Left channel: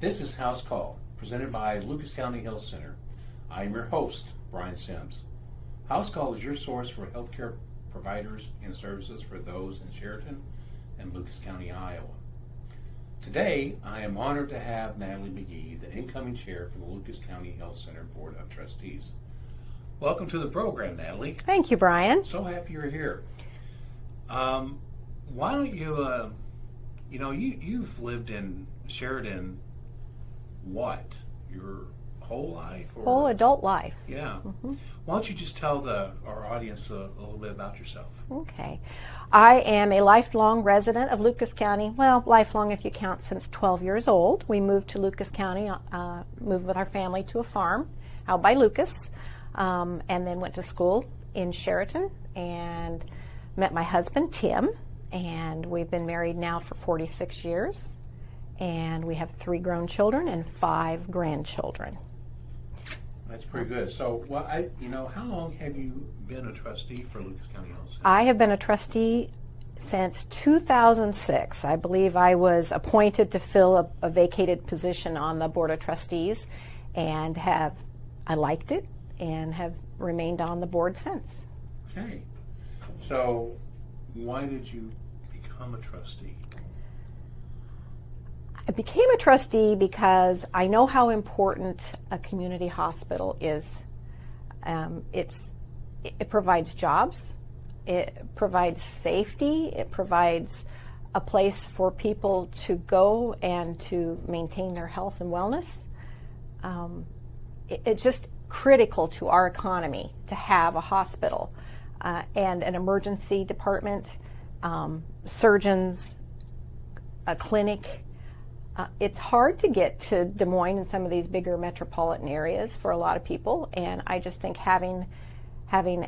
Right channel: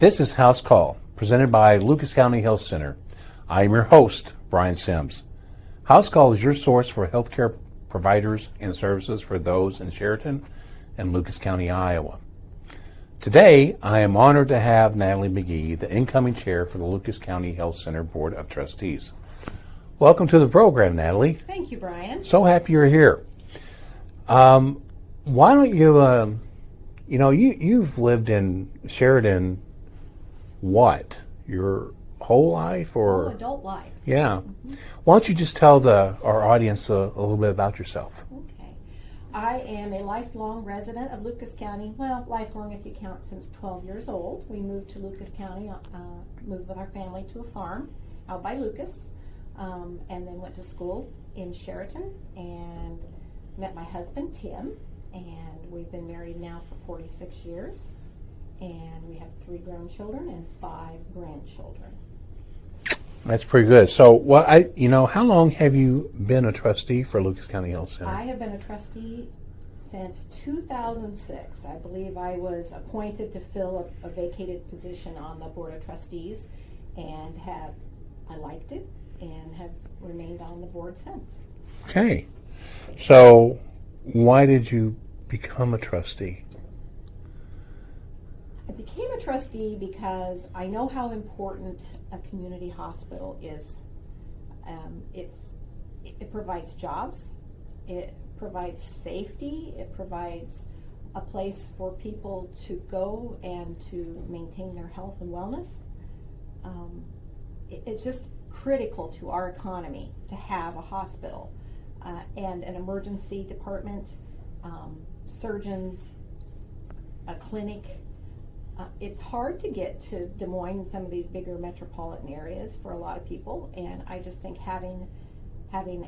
This is House Call, presented by Lucas County Health Center. I am your host, Brian Sims. House Call is your source for healthcare providers and services for those in Sheridan and Lucas County, Iowa. Today, I am honored to have Natalie McGee, the incoming chair for the Lucas County Health Center Board of Trustees. Welcome to the program, Natalie. Thank you, Brian. So happy you're here. Why don't you, you've lived in Sheridan, what, your whole life? Or Whole adult life. Yeah. Mm-hmm. Why don't you just tell our audience a little bit about yourself? Okay. I am a lifelong resident of Lucas County. Well, lifelong if you count since 12 years old. We moved to Lucas County, moved with our family to a farm out by Lucas, and then went to school in Sheridan and met my husband, Tim, and we've been married now for 46 years, and we have 3 grown children and 5 grandchildren. That's pretty good. So, how long have you been a trustee for Lucas County Health Center? I have been a trustee since 2006. I believe I was appointed to fill a vacated position on the Board of Trustees, and I liked it and have remained on the board since. Okay. So, why did you become a trustee? I became a trustee because I know how important a community hospital is. It provides jobs, it provides safety, it provides a place for people to go and to maintain their health and wellness. It's just critical to our economy to have a hospital and an emergency department, surgeons, a clinic. It's hard to get to Des Moines and some of these bigger metropolitan areas for a lot of people, and I just think having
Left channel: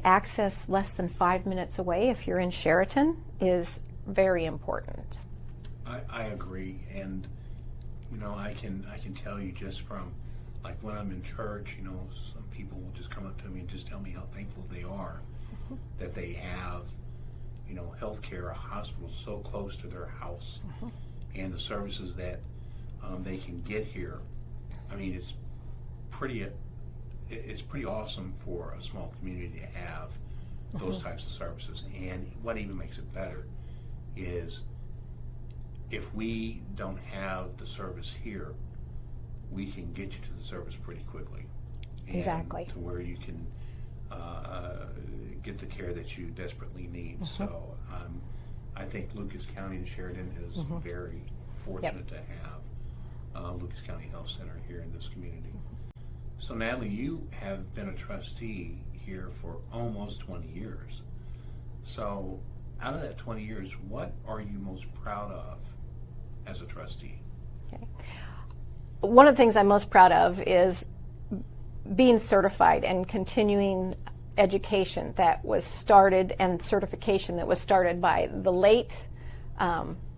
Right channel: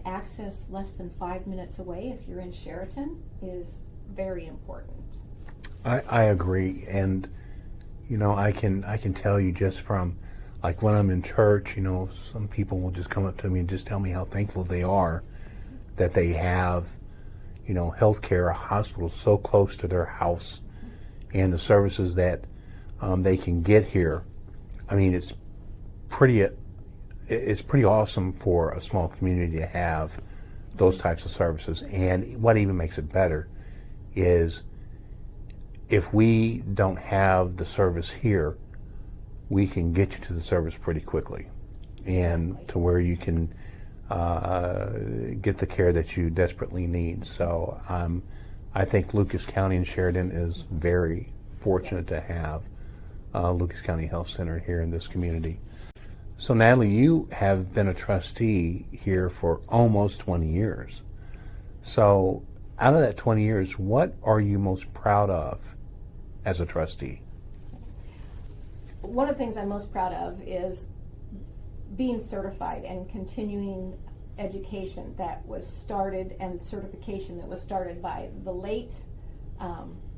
access less than 5 minutes away if you're in Sheridan is very important. I agree, and I can tell you just from like when I'm in church, some people will just come up to me and just tell me how thankful they are that they have healthcare, a hospital so close to their house, and the services that they can get here. I mean, it's pretty awesome for a small community to have those types of services. And what even makes it better is if we don't have the service here, we can get you to the service pretty quickly, and Exactly. to where you can get the care that you desperately need. So I think Lucas County and Sheridan is very fortunate to have Lucas County Health Center here in this community. So Natalie, you have been a trustee here for almost 20 years. So out of that 20 years, what are you most proud of as a trustee? Okay. One of the things I'm most proud of is being certified and continuing education that was started, and certification that was started by the late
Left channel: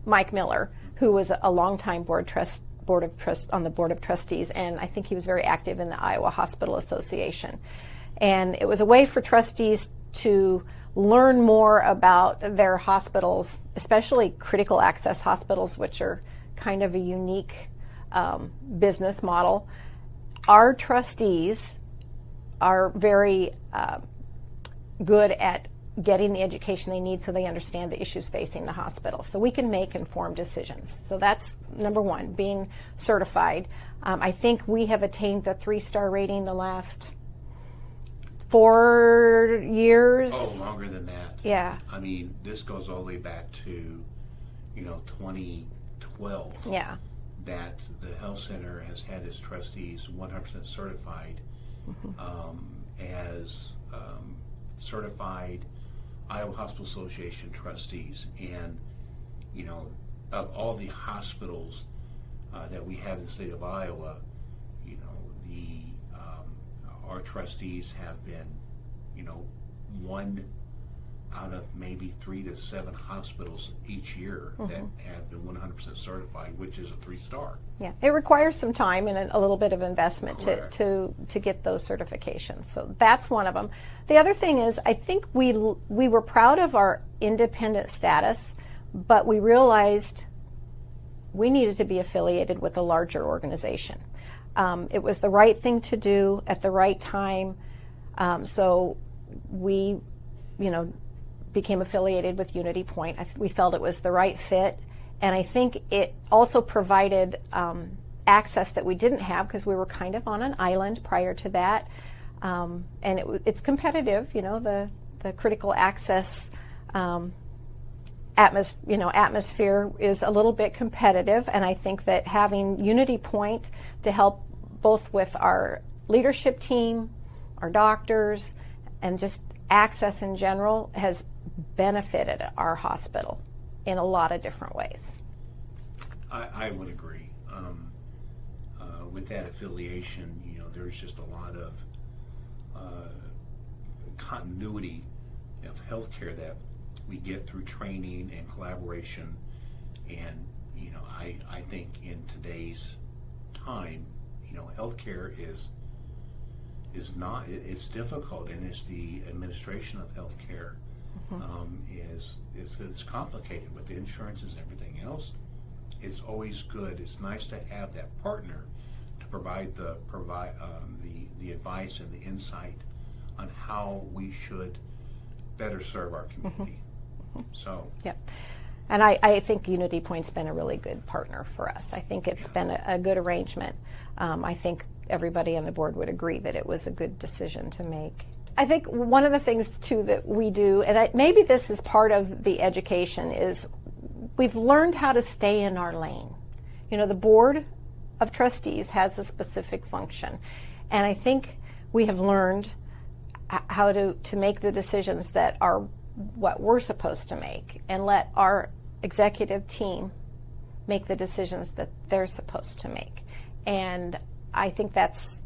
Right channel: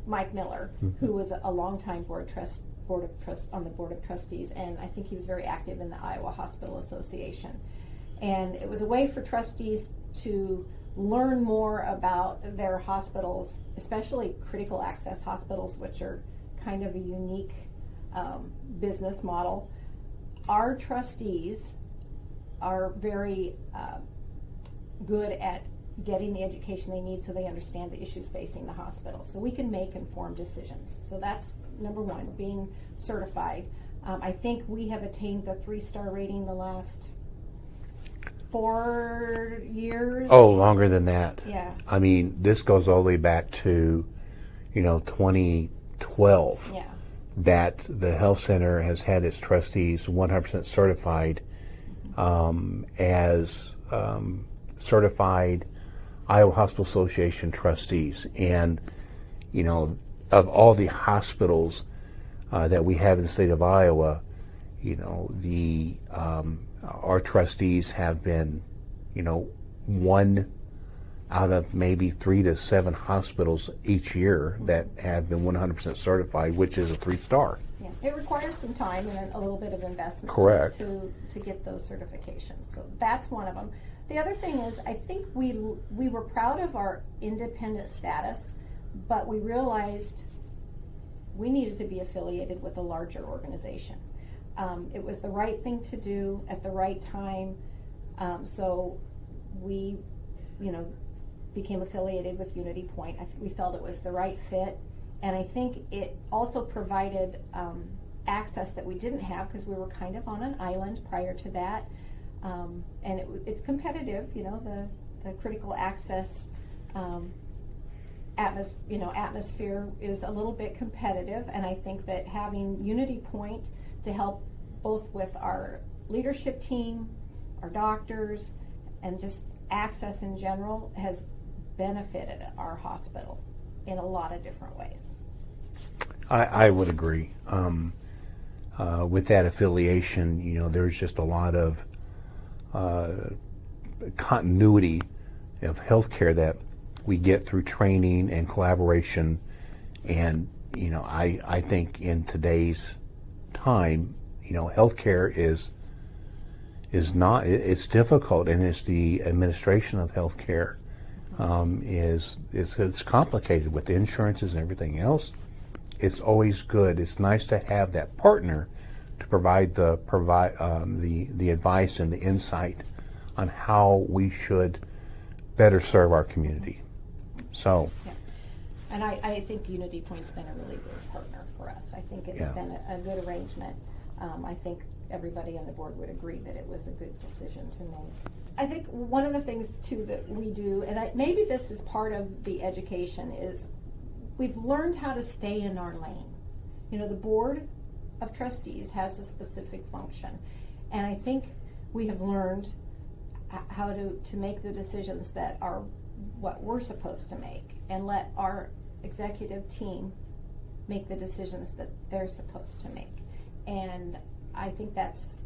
Mike Miller, who was a longtime on the Board of Trustees, and I think he was very active in the Iowa Hospital Association. And it was a way for trustees to learn more about their hospitals, especially critical access hospitals, which are kind of a unique business model. Our trustees are very good at getting the education they need so they understand the issues facing the hospital, so we can make informed decisions. So that's number one, being certified. I think we have attained the 3-star rating the last 4 years. Oh, longer than that. Yeah. I mean, this goes all the way back to 2012. Yeah. That the health center has had its trustees 100% certified as certified Iowa Hospital Association trustees. And of all the hospitals that we have in the state of Iowa, our trustees have been one out of maybe 3 to 7 hospitals each year that have been 100% certified, which is a 3-star. Yeah, it requires some time and a little bit of investment to get those certifications. So that's one of them. The other thing is, I think we were proud of our independent status, but we realized we needed to be affiliated with a larger organization. It was the right thing to do at the right time. So we, became affiliated with Unity Point. We felt it was the right fit, and I think it also provided access that we didn't have because we were kind of on an island prior to that. And it's competitive, the critical access atmosphere is a little bit competitive, and I think that having Unity Point to help both with our leadership team, our doctors, and just access in general has benefited our hospital in a lot of different ways. I would agree. With that affiliation, there's just a lot of continuity of healthcare that we get through training and collaboration. And, I think in today's time, healthcare is not, it's difficult, and it's the administration of healthcare it's complicated with insurances and everything else. It's always good. It's nice to have that partner to provide the advice and the insight on how we should better serve our community. So. Yeah. And I think Unity Point's been a really good partner for us. I think it's been a good arrangement. I think everybody on the board would agree that it was a good decision to make. I think one of the things, too, that we do, and maybe this is part of the education, is we've learned how to stay in our lane. The Board of Trustees has a specific function, and I think we have learned how to make the decisions that are what we're supposed to make, and let our executive team make the decisions that they're supposed to make. And I think that's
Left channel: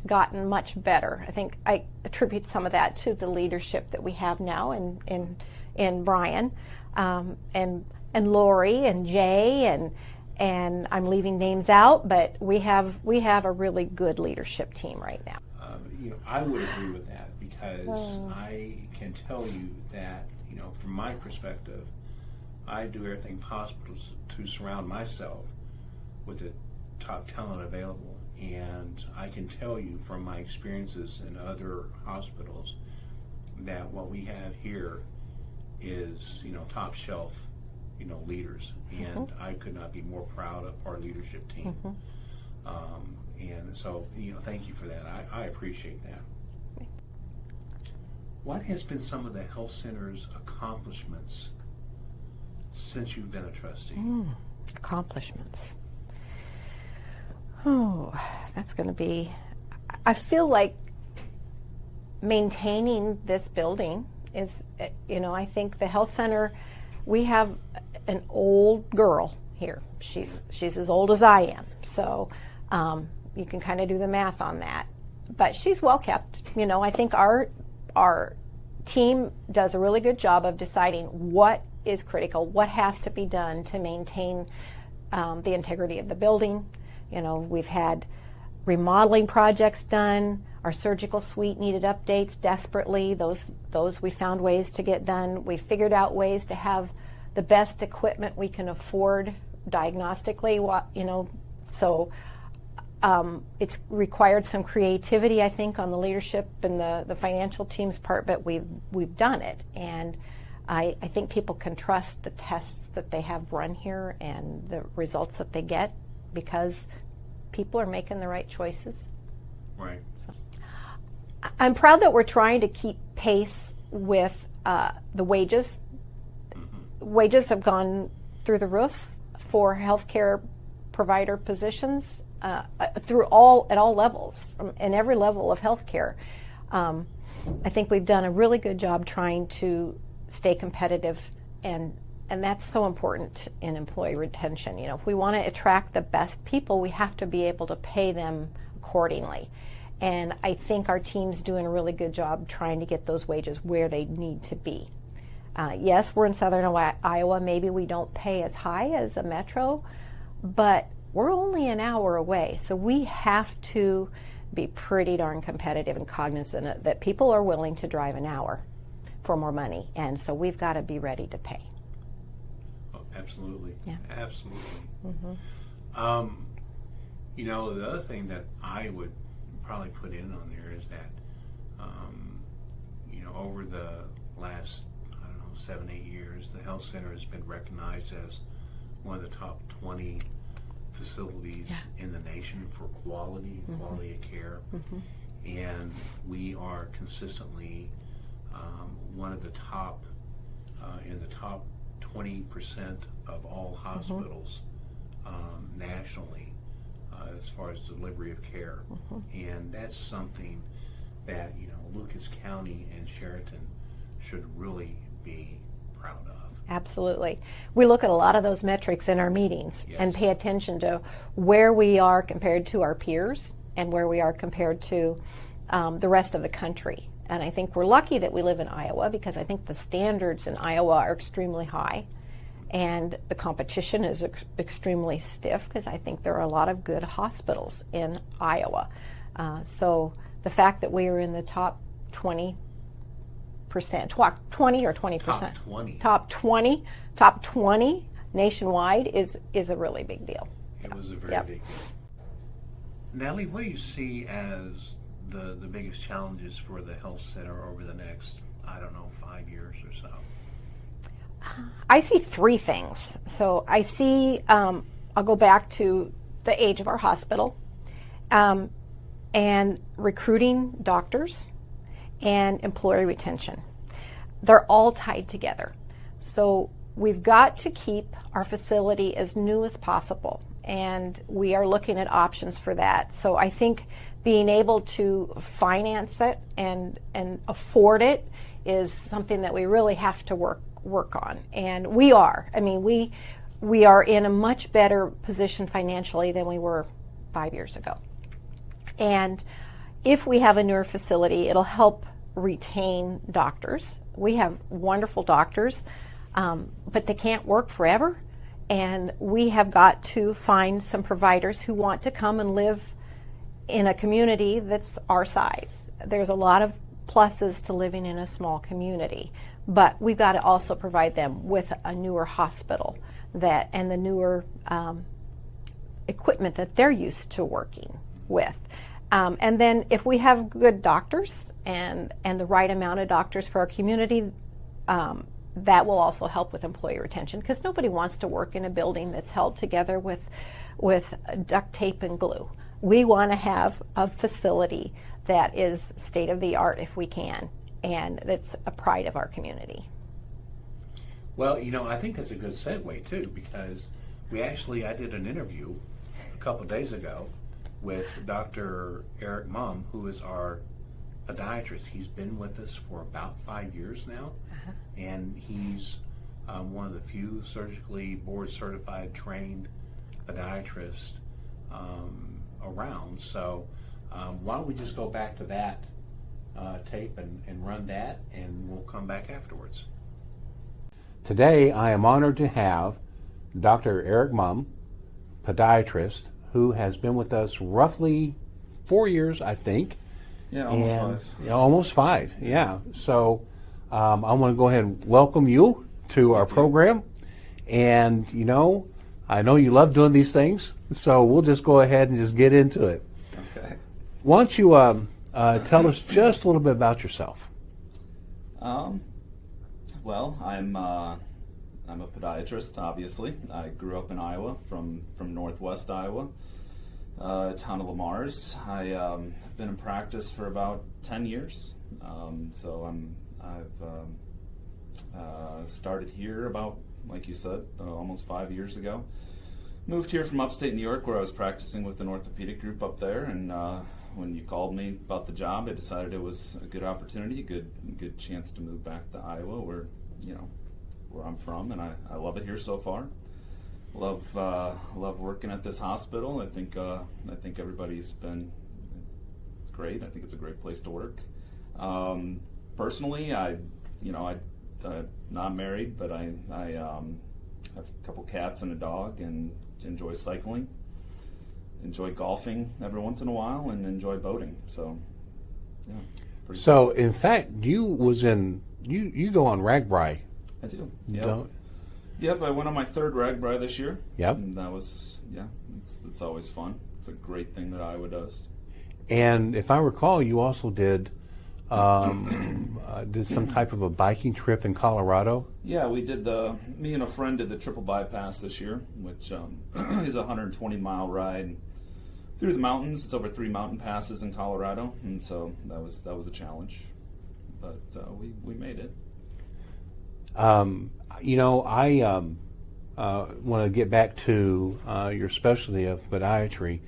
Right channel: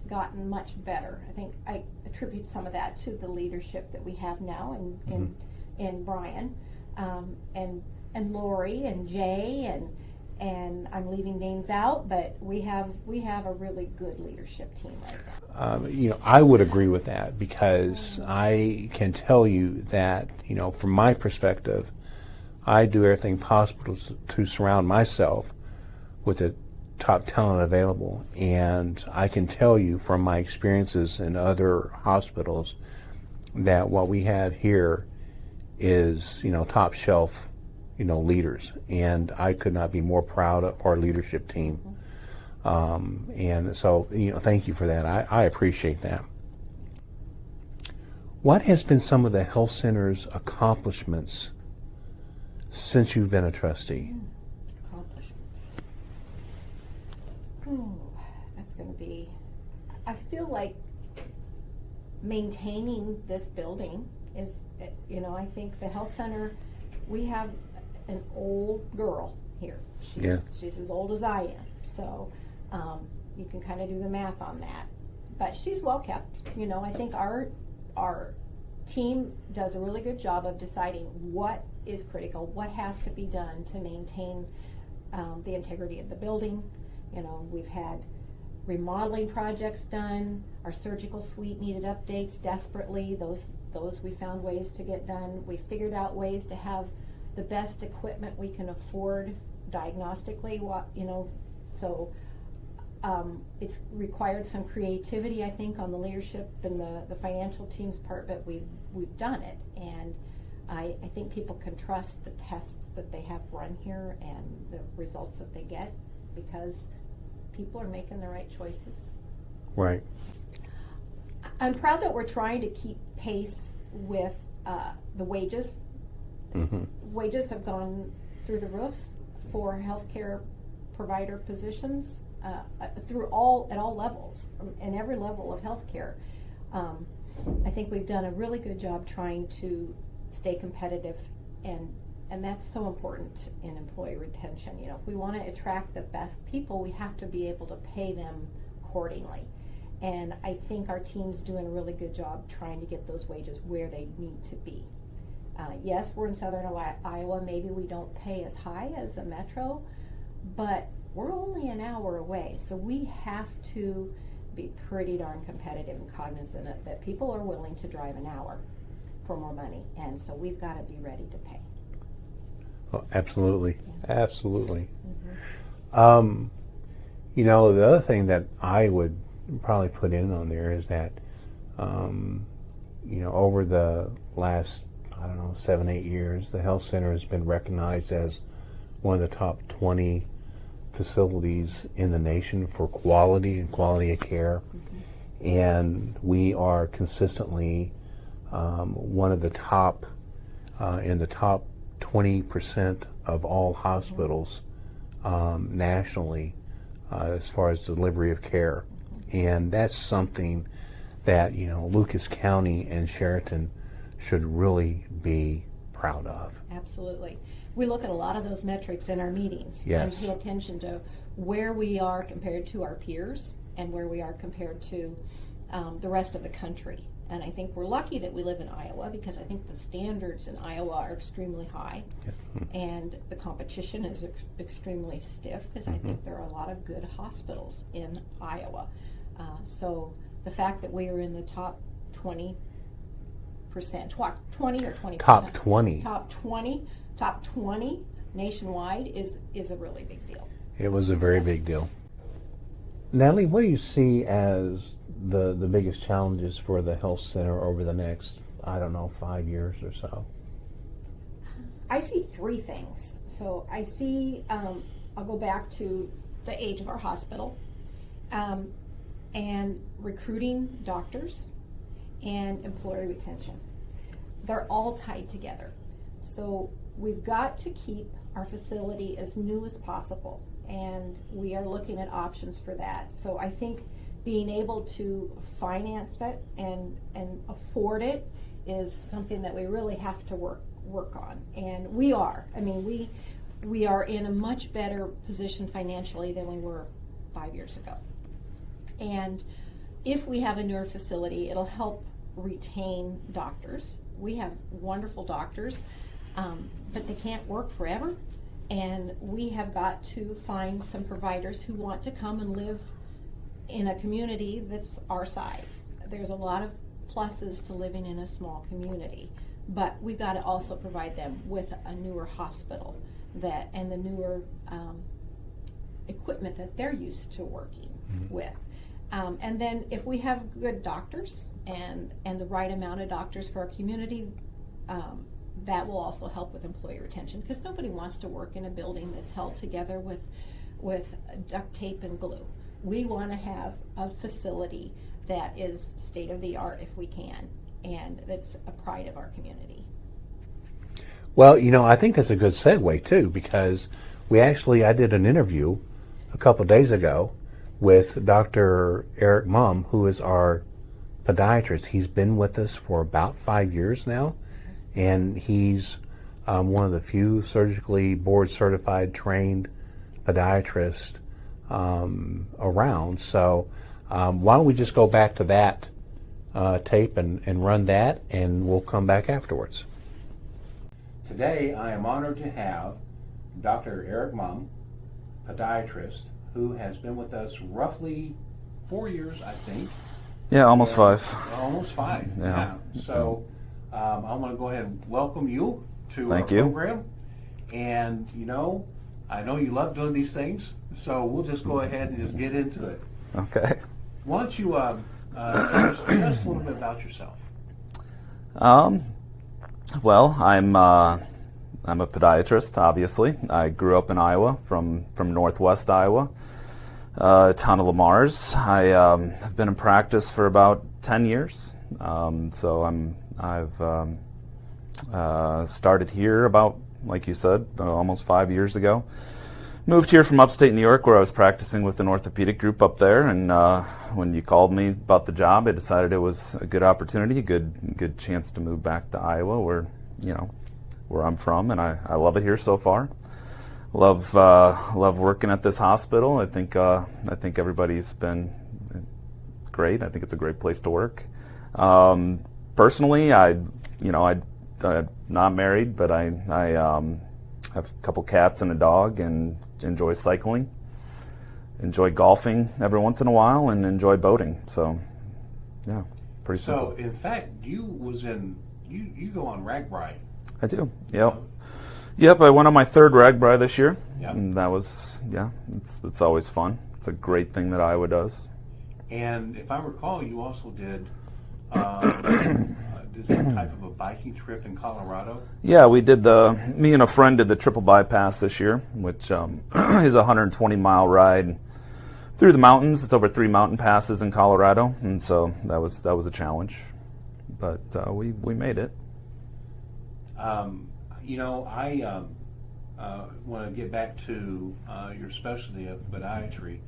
gotten much better. I think I attribute some of that to the leadership that we have now in Brian and Lori and Jay and I'm leaving names out, but we have a really good leadership team right now. I would agree with that, because I can tell you that, from my perspective, I do everything possible to surround myself with the top talent available. And I can tell you from my experiences in other hospitals that what we have here is, top shelf, leaders. And I could not be more proud of our leadership team. And so, thank you for that. I appreciate that. What has been some of the health center's accomplishments since you've been a trustee? Accomplishments. Oh, that's going to be, I feel like maintaining this building is, I think the health center, we have an old girl here. She's as old as I am. So you can kind of do the math on that. But she's well kept. I think our team does a really good job of deciding what is critical, what has to be done to maintain the integrity of the building. We've had remodeling projects done. Our surgical suite needed updates desperately. Those we found ways to get done. We figured out ways to have the best equipment we can afford diagnostically. So it's required some creativity, I think, on the leadership and the financial team's part, but we've done it. And I think people can trust the tests that they have run here and the results that they get, because people are making the right choices. Right. I'm proud that we're trying to keep pace with the wages. Wages have gone through the roof for healthcare provider positions at all levels, in every level of healthcare. I think we've done a really good job trying to stay competitive, and that's so important in employee retention. If we want to attract the best people, we have to be able to pay them accordingly. And I think our team's doing a really good job trying to get those wages where they need to be. Yes, we're in southern Iowa. Maybe we don't pay as high as a metro, but we're only an hour away. So we have to be pretty darn competitive and cognizant that people are willing to drive an hour for more money. And so we've got to be ready to pay. Oh, absolutely. Yeah. Absolutely. Mm-hmm. You know, the other thing that I would probably put in on there is that, you know, over the last, I don't know, 7-8 years, the health center has been recognized as one of the top 20 facilities in the nation for quality and quality of care. And we are consistently one of the top, in the top 20% of all hospitals nationally as far as delivery of care. And that's something that, you know, Lucas County and Sheraton should really be proud of. Absolutely. We look at a lot of those metrics in our meetings and Yes. pay attention to where we are compared to our peers and where we are compared to the rest of the country. And I think we're lucky that we live in Iowa, because I think the standards in Iowa are extremely high, and the competition is extremely stiff, because I think there are a lot of good hospitals in Iowa. So the fact that we are in the top 20%, 20 or 20%? Top 20. Top 20 nationwide is a really big deal. It was a very Yep. big deal. Natalie, what do you see as the biggest challenges for the health center over the next, I don't know, 5 years or so? I see three things. So I see, I'll go back to the age of our hospital, and recruiting doctors and employee retention. They're all tied together. So we've got to keep our facility as new as possible, and we are looking at options for that. So I think being able to finance it and afford it is something that we really have to work on. And we are. I mean, we are in a much better position financially than we were 5 years ago. And if we have a newer facility, it'll help retain doctors. We have wonderful doctors, but they can't work forever. And we have got to find some providers who want to come and live in a community that's our size. There's a lot of pluses to living in a small community, but we've got to also provide them with a newer hospital and the newer equipment that they're used to working with. And then if we have good doctors and the right amount of doctors for our community, that will also help with employee retention, because nobody wants to work in a building that's held together with duct tape and glue. We want to have a facility that is state of the art if we can, and that's a pride of our community. Well, you know, I think that's a good segue too, because I did an interview a couple days ago with Dr. Eric Muhm, who is our podiatrist. He's been with us for about 5 years now, and he's one of the few surgically board certified trained podiatrists around. So why don't we just go back to that tape and run that, and we'll come back afterwards. Today I am honored to have Dr. Eric Muhm, podiatrist, who has been with us roughly 4 years, I think. Yeah, almost five. Almost five, yeah. So I want to go ahead and welcome you to our Thank you. program. And, you know, I know you love doing these things, so we'll just go ahead and just get into it. Okay. Why don't you tell us just a little bit about yourself? Well, I'm a podiatrist, obviously. I grew up in Iowa, from northwest Iowa, town of Lamar's. I have been in practice for about 10 years. So I've started here about, like you said, almost 5 years ago. Moved here from upstate New York, where I was practicing with an orthopedic group up there, and when you called me about the job, I decided it was a good opportunity, a good chance to move back to Iowa, where I'm from, and I love it here so far. Love working at this hospital. I think everybody's been great. I think it's a great place to work. Personally, I'm not married, but I have a couple cats and a dog, and enjoy cycling, enjoy golfing every once in a while, and enjoy boating. So, yeah, pretty. So, in fact, you go on RAGBRAI. I do. Yep. So, Yep, I went on my third rag bri this year. Yep. And that was, it's always fun. It's a great thing that Iowa does. And if I recall, you also did some type of a biking trip in Colorado. Yeah, me and a friend did the triple bypass this year, which is a 120-mile ride through the mountains. It's over 3 mountain passes in Colorado, and so that was a challenge, but we made it. I want to get back to your specialty of podiatry.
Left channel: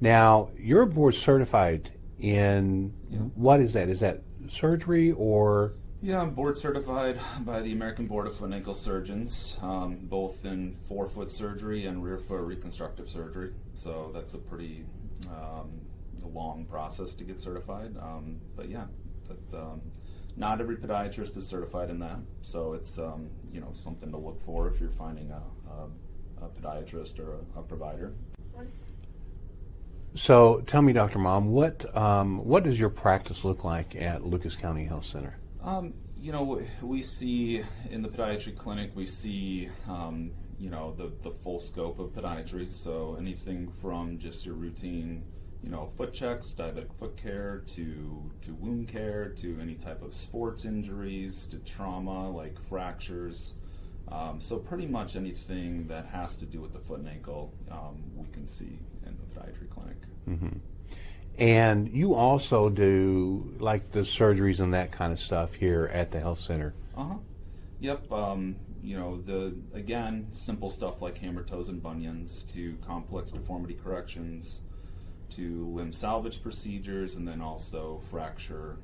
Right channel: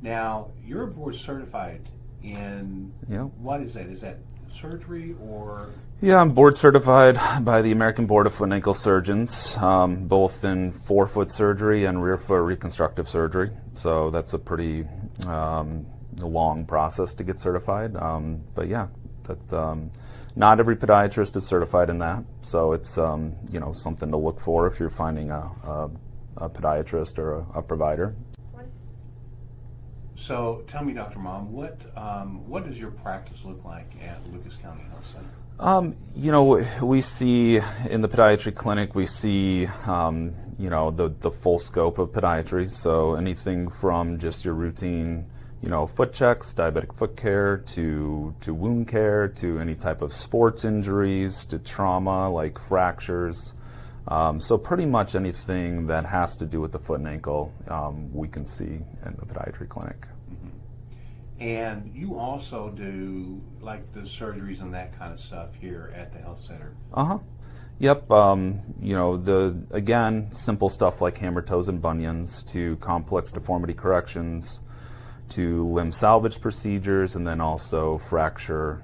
Now, you're board certified in, what is that? Is that surgery or? Yeah, I'm board certified by the American Board of Foot and Ankle Surgeons, both in forefoot surgery and rear foot reconstructive surgery. So that's a pretty long process to get certified. But yeah, not every podiatrist is certified in that. So it's something to look for if you're finding a podiatrist or a provider. So tell me, Dr. Muhm, what does your practice look like at Lucas County Health Center? We see in the podiatry clinic, we see, the full scope of podiatry. So anything from just your routine, foot checks, diabetic foot care, to wound care, to any type of sports injuries, to trauma like fractures. So pretty much anything that has to do with the foot and ankle, we can see in the podiatry clinic. Mm-hmm. And you also do like the surgeries and that kind of stuff here at the health center. Yep. Again, simple stuff like hammer toes and bunions, to complex deformity corrections, to limb salvage procedures, and then also fracture,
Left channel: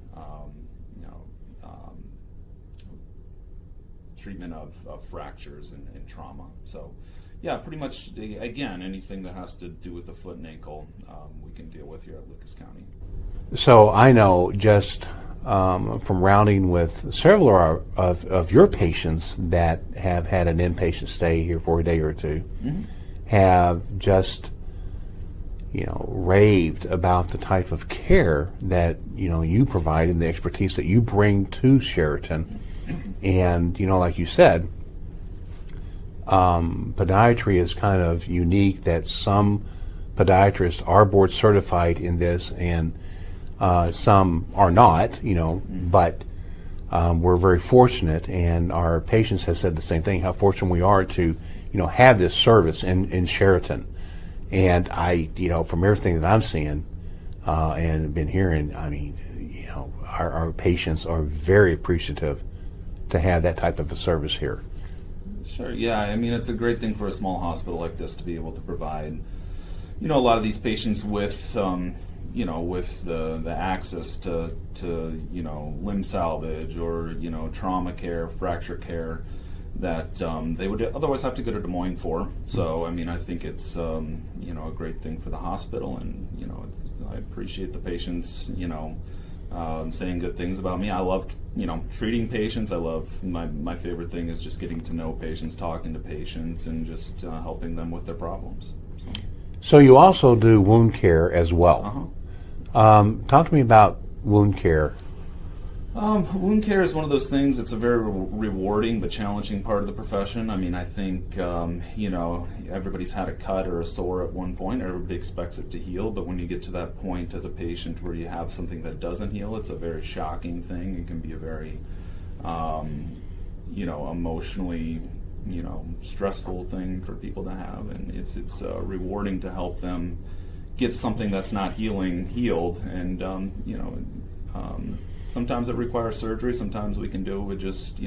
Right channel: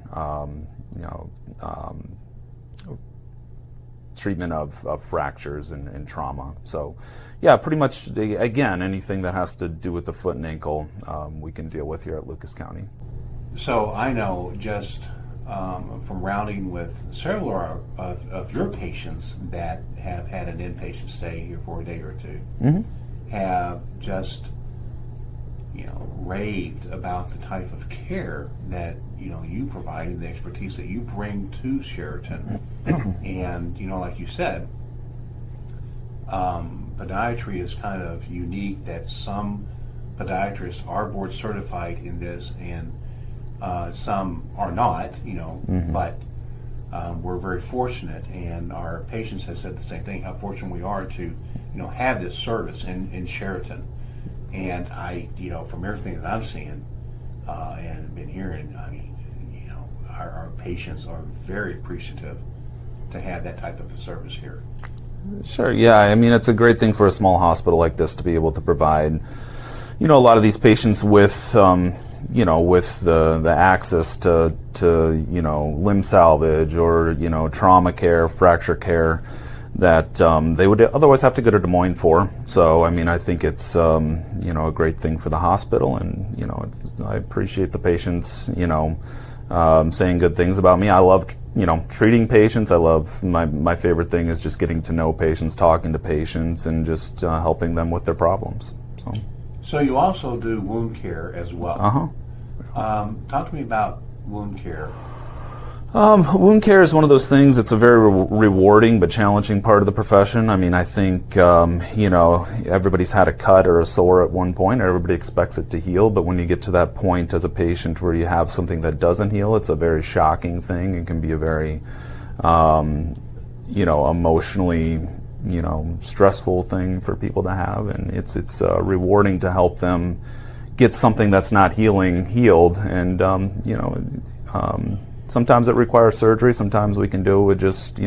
treatment of fractures and trauma. So, yeah, pretty much, again, anything that has to do with the foot and ankle, we can deal with here at Lucas County. So I know just from rounding with several of your patients that have had an inpatient stay here for a day or two, have just raved about the type of care that you provide and the expertise that you bring to Sheraton. And like you said, podiatry is kind of unique, that some podiatrists are board certified in this and some are not, but we're very fortunate, and our patients have said the same thing, how fortunate we are to have this service in Sheraton. And I, from everything that I'm seeing and been hearing, I mean, our patients are very appreciative to have that type of a service here. Sure, yeah. I mean, it's a great thing for a small hospital like this to be able to provide, a lot of these patients with, with the access to limb salvage or, trauma care, fracture care that they would otherwise have to go to Des Moines for. So, I mean, I think it's, a great thing for the hospital, and, I appreciate the patients, saying good things about me. I love, treating patients. I love, my favorite thing is just getting to know patients, talking to patients, and just helping them with their problems. So you also do wound care as well. Talk to me about wound care. Wound care is one of those things. It's a very rewarding but challenging part of the profession. I mean, I think, everybody's had a cut or a sore at one point. Everybody expects it to heal, but when you get to that point as a patient where you have something that doesn't heal, it's a very shocking thing. It can be a very, emotionally, stressful thing for people to have, and it's rewarding to help them get something that's not healed, and sometimes it requires surgery. Sometimes we can do it with just,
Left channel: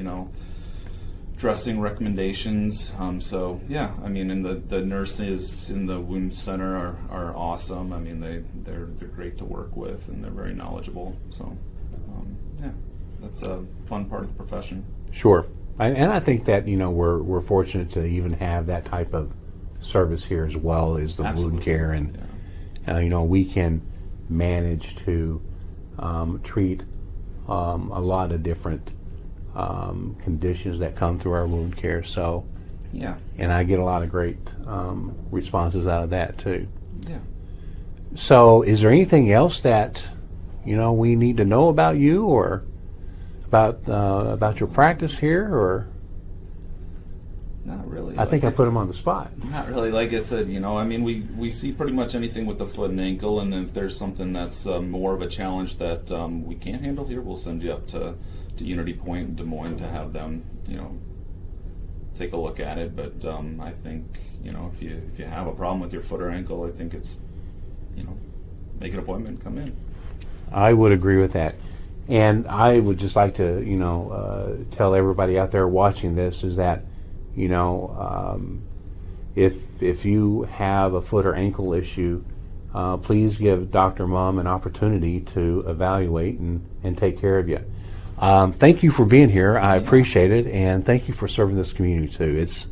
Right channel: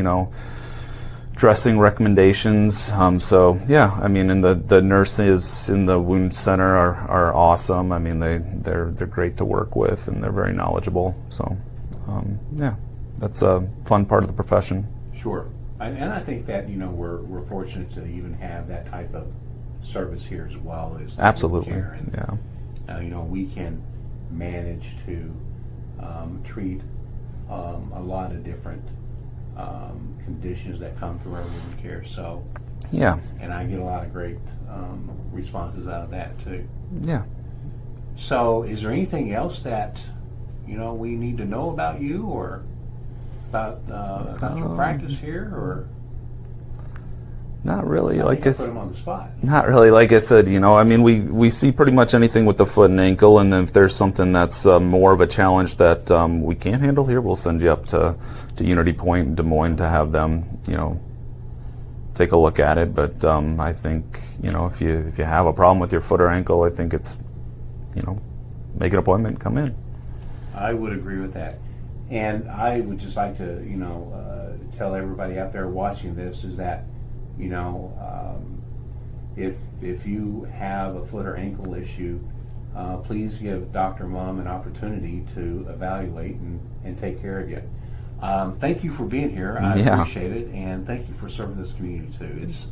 dressing recommendations. So yeah, I mean, and the nurses in the wound center are awesome. I mean, they're great to work with, and they're very knowledgeable. So yeah, that's a fun part of the profession. Sure, and I think that we're fortunate to even have that type of service here as well as the wound care, and we can manage to treat a lot of different conditions that come through our wound care. So yeah, and I get a lot of great responses out of that too. Yeah. So is there anything else that we need to know about you, or about your practice here, or? Not really. I Like think I it's- put him on the spot. Not really. Like I said, I mean, we see pretty much anything with the foot and ankle, and if there's something that's more of a challenge that we can't handle here, we'll send you up to Unity Point in Des Moines to have them, take a look at it. But I think, if you have a problem with your foot or ankle, I think it's, make an appointment, come in. I would agree with that. And I would just like to, tell everybody out there watching this is that, if you have a foot or ankle issue, please give Dr. Muhm an opportunity to evaluate and take care of you. Thank you for being here. I appreciate it, and thank you for serving this community too. It's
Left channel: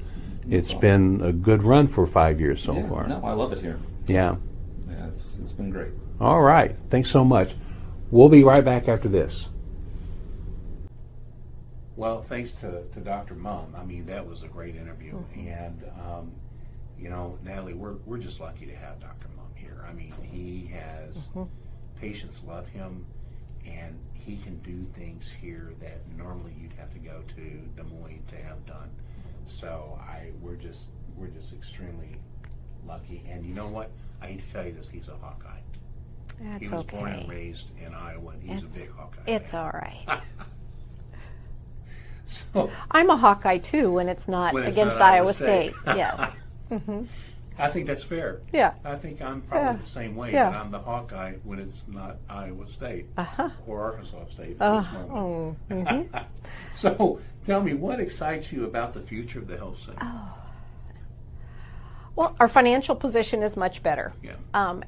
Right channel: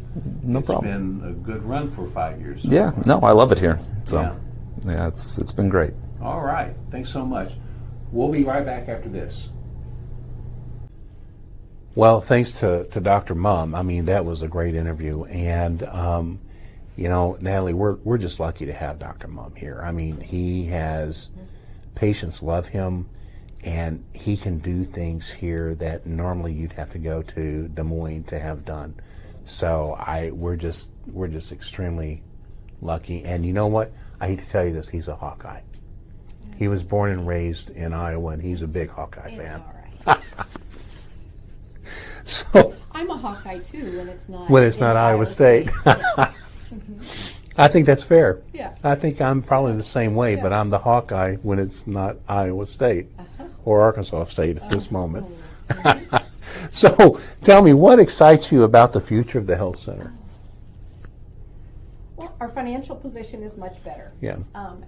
been a good run for 5 years so far. No, I love it here. So, yeah, it's been great. All right, thanks so much. We'll be right back after this. Well, thanks to Dr. Muhm. I mean, that was a great interview, and Natalie, we're just lucky to have Dr. Muhm here. I mean, he has patients love him, and he can do things here that normally you'd have to go to Des Moines to have done. So we're just extremely lucky. And you know what? I hate to tell you this, he's a Hawkeye. He was born and raised in Iowa, and he's a big Hawkeye fan. It's all right. So I'm a Hawkeye too when it's not against Iowa State. Yes. I think that's fair. Yeah. I think I'm probably Yeah. the same way, Yeah. but I'm the Hawkeye when it's not Iowa State or Arkansas State at this moment. So tell me, what excites you about the future of the health center? Well, our financial position is much better. Yeah.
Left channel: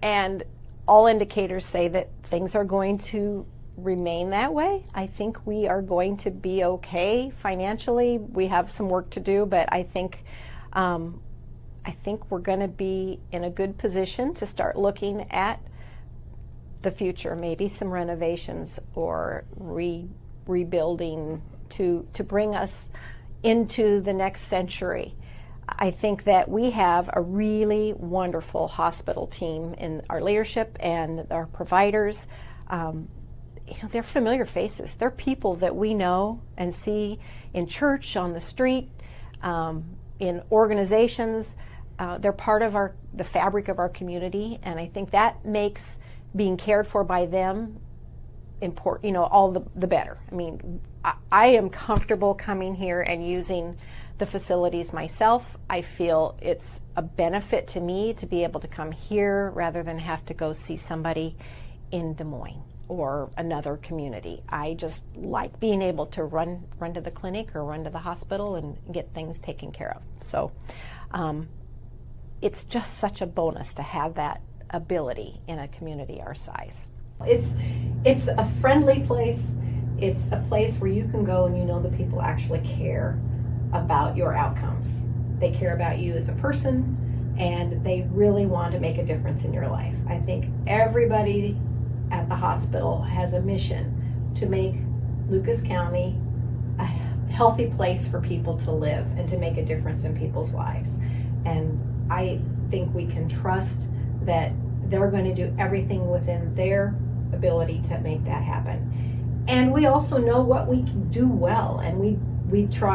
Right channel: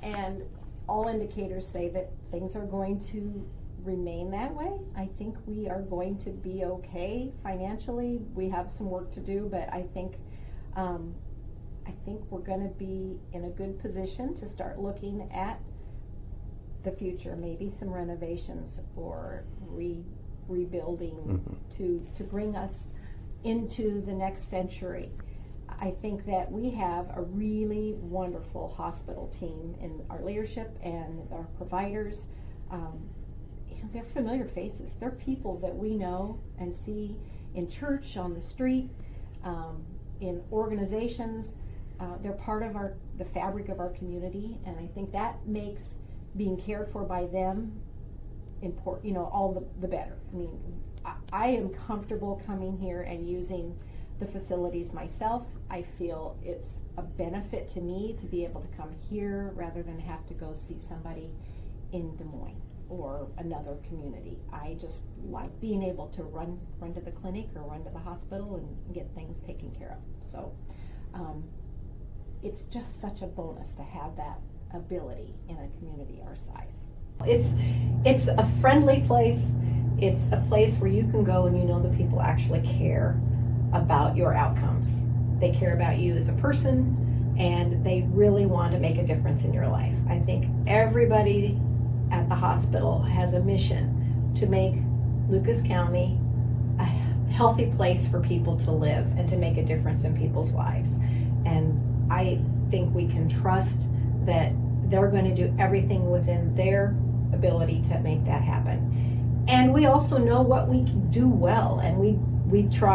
And all indicators say that things are going to remain that way. I think we are going to be okay financially. We have some work to do, but I think we're going to be in a good position to start looking at the future, maybe some renovations or rebuilding to bring us into the next century. I think that we have a really wonderful hospital team in our leadership and our providers. They're familiar faces. They're people that we know and see in church, on the street, in organizations. They're part of the fabric of our community, and I think that makes being cared for by them important. All the better. I mean, I am comfortable coming here and using the facilities myself. I feel it's a benefit to me to be able to come here rather than have to go see somebody in Des Moines or another community. I just like being able to run to the clinic or run to the hospital and get things taken care of. So it's just such a bonus to have that ability in a community our size. It's a friendly place. It's a place where you can go and you know the people actually care about your outcomes. They care about you as a person, and they really want to make a difference in your life. I think everybody at the hospital has a mission to make Lucas County a healthy place for people to live and to make a difference in people's lives. And I think we can trust that they're going to do everything within their ability to make that happen. And we also know what we can do well, and we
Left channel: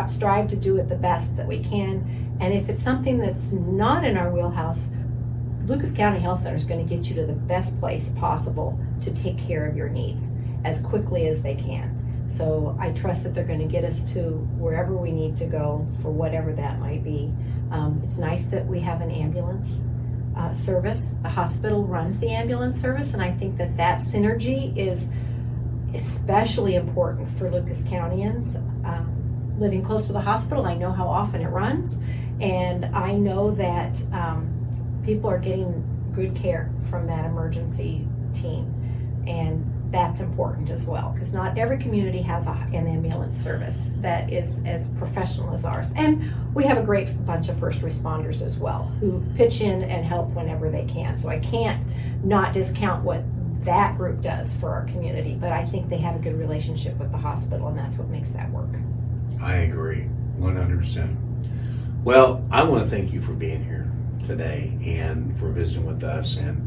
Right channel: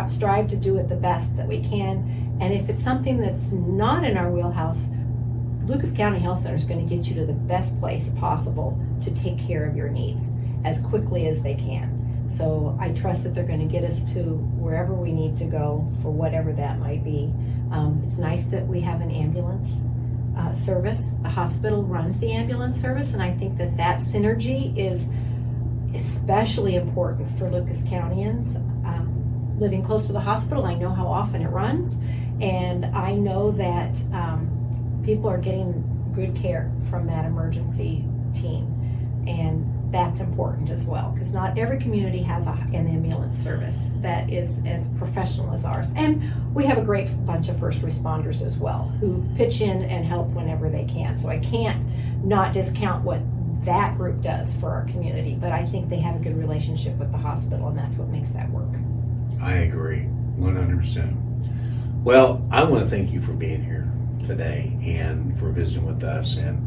strive to do it the best that we can. And if it's something that's not in our wheelhouse, Lucas County Health Center is going to get you to the best place possible to take care of your needs as quickly as they can. So I trust that they're going to get us to wherever we need to go for whatever that might be. It's nice that we have an ambulance service. The hospital runs the ambulance service, and I think that synergy is especially important for Lucas Countyans. Living close to the hospital, I know how often it runs, and I know that people are getting good care from that emergency team, and that's important as well, because not every community has an ambulance service that is as professional as ours. And we have a great bunch of first responders as well who pitch in and help whenever they can. So I can't not discount what that group does for our community, but I think they have a good relationship with the hospital, and that's what makes that work. I agree, 100%. Well, I want to thank you for being here today and for visiting with us, and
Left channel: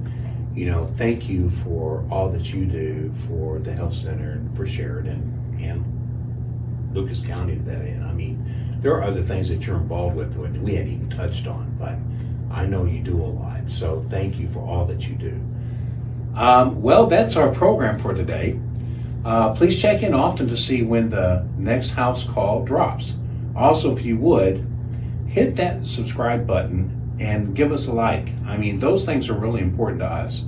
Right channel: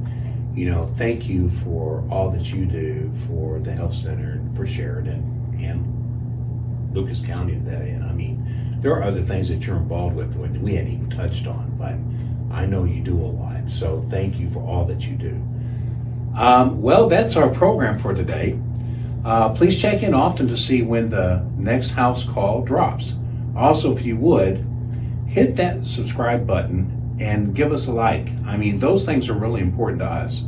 thank you for all that you do for the health center and for Sheridan and Lucas County to that end. I mean, there are other things that you're involved with that we hadn't even touched on, but I know you do a lot. So thank you for all that you do. Well, that's our program for today. Please check in often to see when the next house call drops. Also, if you would, hit that subscribe button and give us a like. I mean, those things are really important to us.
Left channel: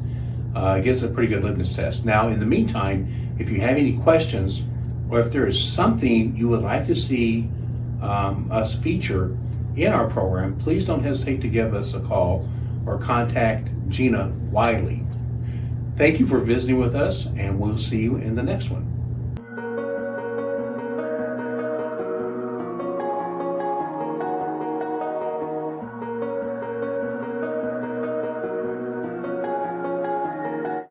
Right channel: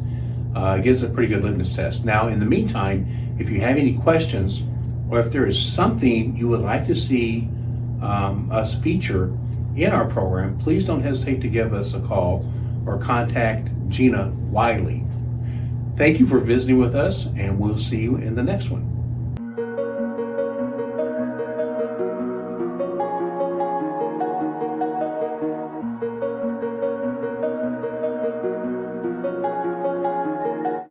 It gives a pretty good litmus test. Now, in the meantime, if you have any questions or if there is something you would like to see us feature in our program, please don't hesitate to give us a call or contact Gina Wiley. Thank you for visiting with us, and we'll see you in the next one.